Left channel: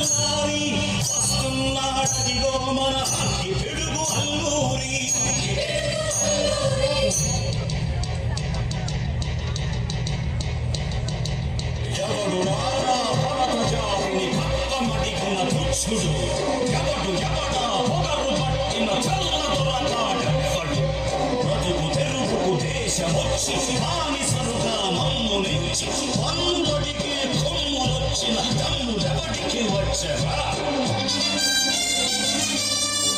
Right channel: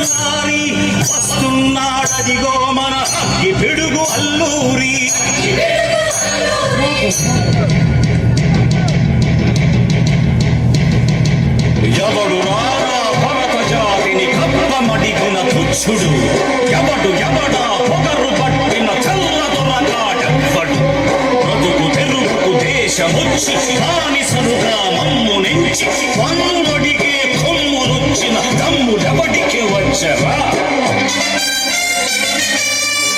తెల్లారి వస్తున్నాడదిగో మన ఈ పిడుగు అల్లూరి. ఎవడు రారా భరత జాతిని కప్పమడిగిన తుచ్చుడు, ఎవడా పొగరు పట్టిన చల్లదొరగాడెవ్వడు. బ్రతుకు తెరువుకు దేశమొచ్చి బానిసలుగా మమ్ము నెంచి పన్నుడిగే కొమ్ములొచ్చిన తమ్ముడెవడికి వచ్చరా.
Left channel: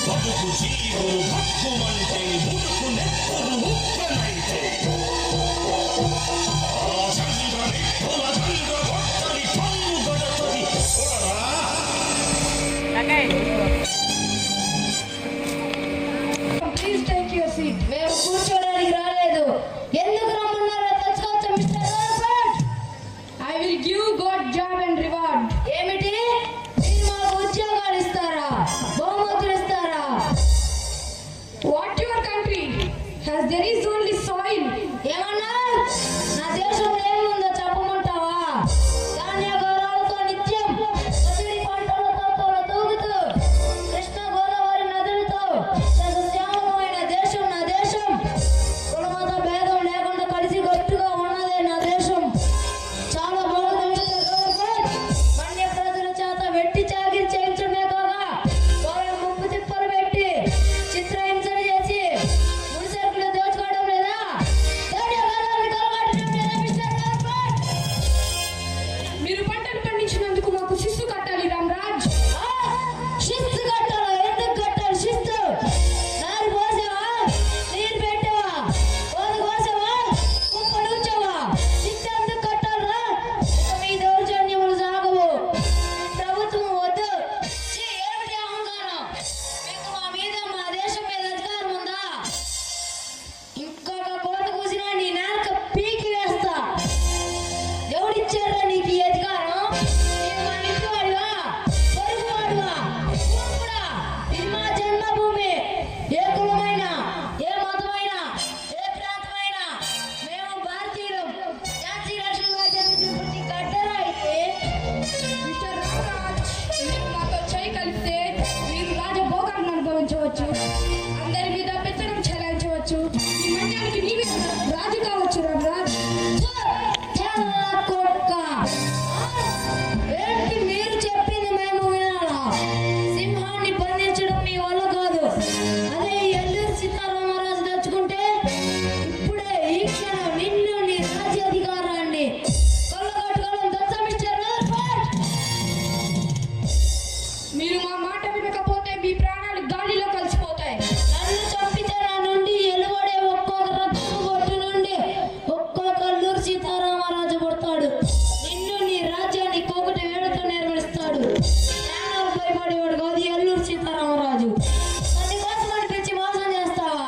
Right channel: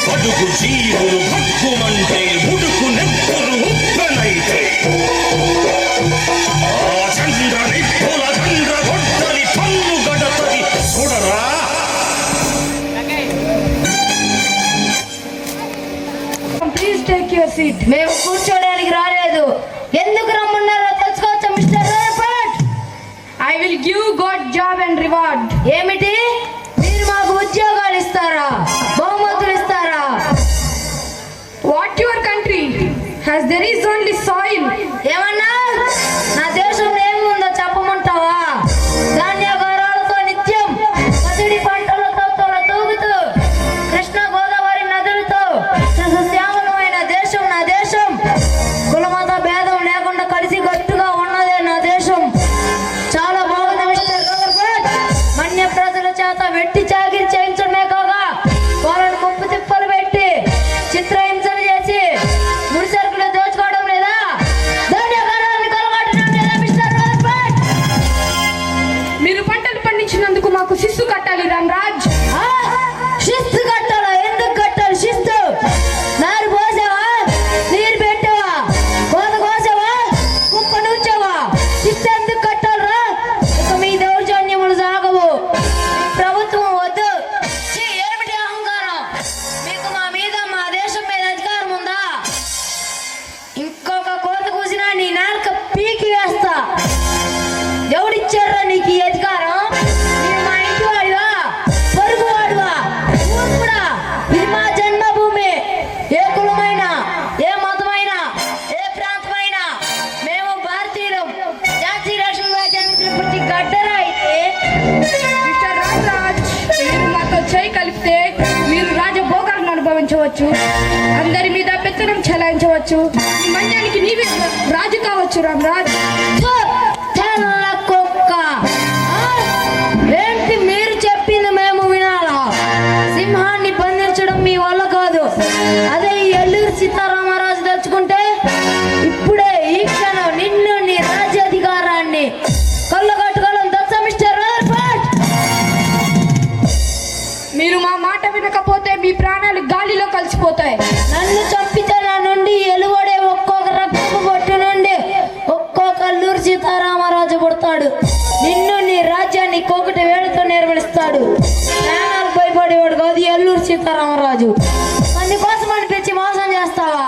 బతుకు జీవులు భక్కుమంటే ఉడుకు నెప్పులు ఉప్పెనైతే మేము కూర్చోడానికి రాలేదు. ఎందుకు రమ్మన్నారో తెలుసుకోవచ్చా మిస్టర్ రాయపట్? I will give good job and reward. ఏమిటి? మీరు మాకు ఉద్యోగాలు ఇస్తారా, బహుమతులు ఇస్తారా? What your country has there is only soil. ఏమన్నా నా దేశంలో ఏముందో చెప్పమంటావా? ధాన్యాగారాలతో నిత్యం పసిడి పంటలతో తూగుతూ కృష్ణ గోదావరి నదులతో సస్యశ్యామలమైన దేశం నా దేశం. కులమత భేదం లేకుండా కలిసి గట్టుగా ఉన్నదే నా దేశం. చాలా బాగుంది మిస్టర్ గవర్నమెంట్. మన్య ప్రజల చేత వెట్టి చాకిరి చేయించడమే కాగా వాళ్ళని ముప్పు తిప్పలు పెట్టి చిత్రహింసలు చేసి ముడి సరుకులు దోచుకోవడం లేదా? ధాన్యాగారాన్ని కొలగొట్టడం లేదా మిస్టర్ గవర్నమెంట్? మీరు పంటలు పండించినందుకు మాకు శిస్తు కట్టాలి రామ్రాజ్. శిస్తు కట్టాలా? ఎందుకు కట్టాలి శిస్తు? నారు పోసావా, నీరు పెట్టావా, కోత కోసావా, కుప్ప నుంచావా? శిస్తు ఎందుకు కట్టాలరా? ఇక మీ దౌర్జన్యములు సాగవు. ప్రభుత్వం వద్దు. ఛీ, ఏమిటి అహంకారం? మీకు మా మీద, మా దేశం మీద అధికారం ఉందా? ఇంకొక కోత కూసినా నీ నాలుక పీకి వేస్తా. ఎవడిచ్చారా నీకు ఈ అధికారం? నీవు మా ఇంటి వాడివా, పొరుగు వాడివా, మూర్ఖుడా? ఇది మా జన్మభూమి. ఏ కులమైనా, ఏ మతమైనా, ఏ ప్రాంతమైనా మేము భారతీయులం. జాతి రాష్ట్రంగా జన్మించిన ప్రతి గడ్డరా అయితే మిస్టర్ రామ్రాజ్, మీరు మాతో చేయి కలిపితే మీరు రాజభోగాలను అనుభవించవచ్చు, అందరి మీద పెత్తనం చెలాయించవచ్చు, ఈ మన్యానికి నీవే రాజు కావచ్చు రామ్రాజ్. ఛో, తెల్ల కుక్క. ఏంటి మీరు చెప్పింది మేము వినాలా? సింహాన్ని బంధించడం మీ వల్ల కాదు. అదే ఈ ఎల్లూరు సీతారామరాజు తలుచుకుంటే ఇప్పుడే ఈ క్షణం నిన్ను, నీ రాజ్యాధికారాన్ని కొల్లగొట్టగలం. తెలుసా మిస్టర్ రాయపట్? మీరు మా మాట వినకపోతే మీ ప్రాణాలు గాలిలో కలిసిపోతాయి. నన్ను చంపితే నా నుండి ఎలువడే ఒక్కొక్క రక్తపు బొట్టు నుండి ఒక్కొక్క అల్లూరు సీతారామరాజు పుడతాడు. నిన్ను, నీ రాజ్యాన్ని కోకటి వేడుతో నిర్వహిస్తాడు. ప్రాణాలు భయపడేవాడు కాదు ఈ అల్లూరు సీతారామరాజు. అందుకోసం అనిపించి మోసం చేస్తావా?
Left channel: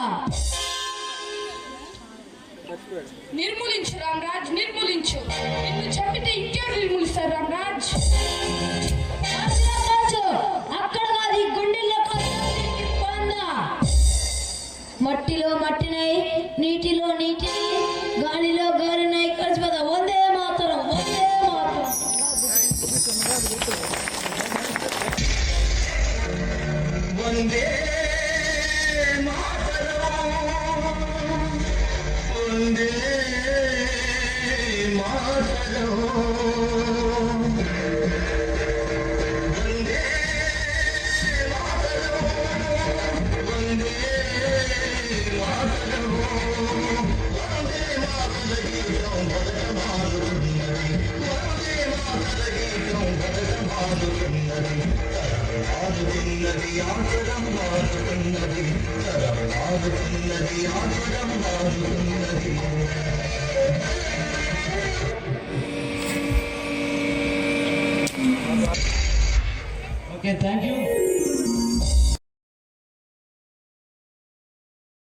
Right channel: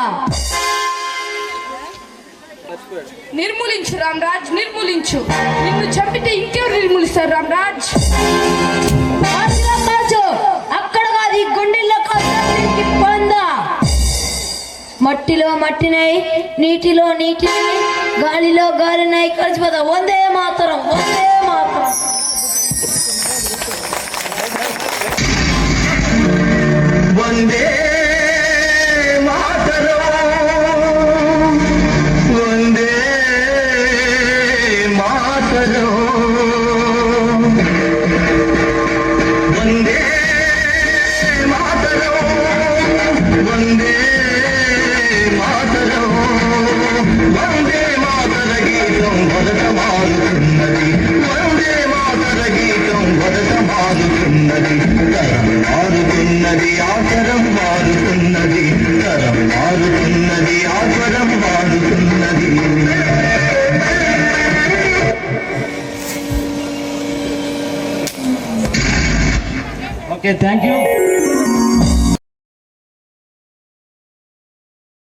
నిర్మూలించు రామ్రాజ్, నిర్మూలించు. నిన్ను చంపితే ఇంకెవరు నిర్మూలిస్తారు రామ్రాజ్? అందులో కాచు, అక్కడ కాదు ఈ గుండెల్లో కాచు. పొందా మట్టిలో మట్టినై, నీటిలో నీటినై, గాలిలో గాలినై కలిసిపోతా. వందే మాతరం, వందే మాతరం. వందే మాతరం, వందే మాతరం, వందే మాతరం, వందే మాతరం. వందే మాతర గీతం భరతమాడుతున్నది, వందే మాతర గీతం భరతమాడుతున్నది. తరం మారుతున్నది, ఆచరం మారుతున్నది, తరం మారుతున్నది, ఆచరం మారుతున్నది. Okay, thank you.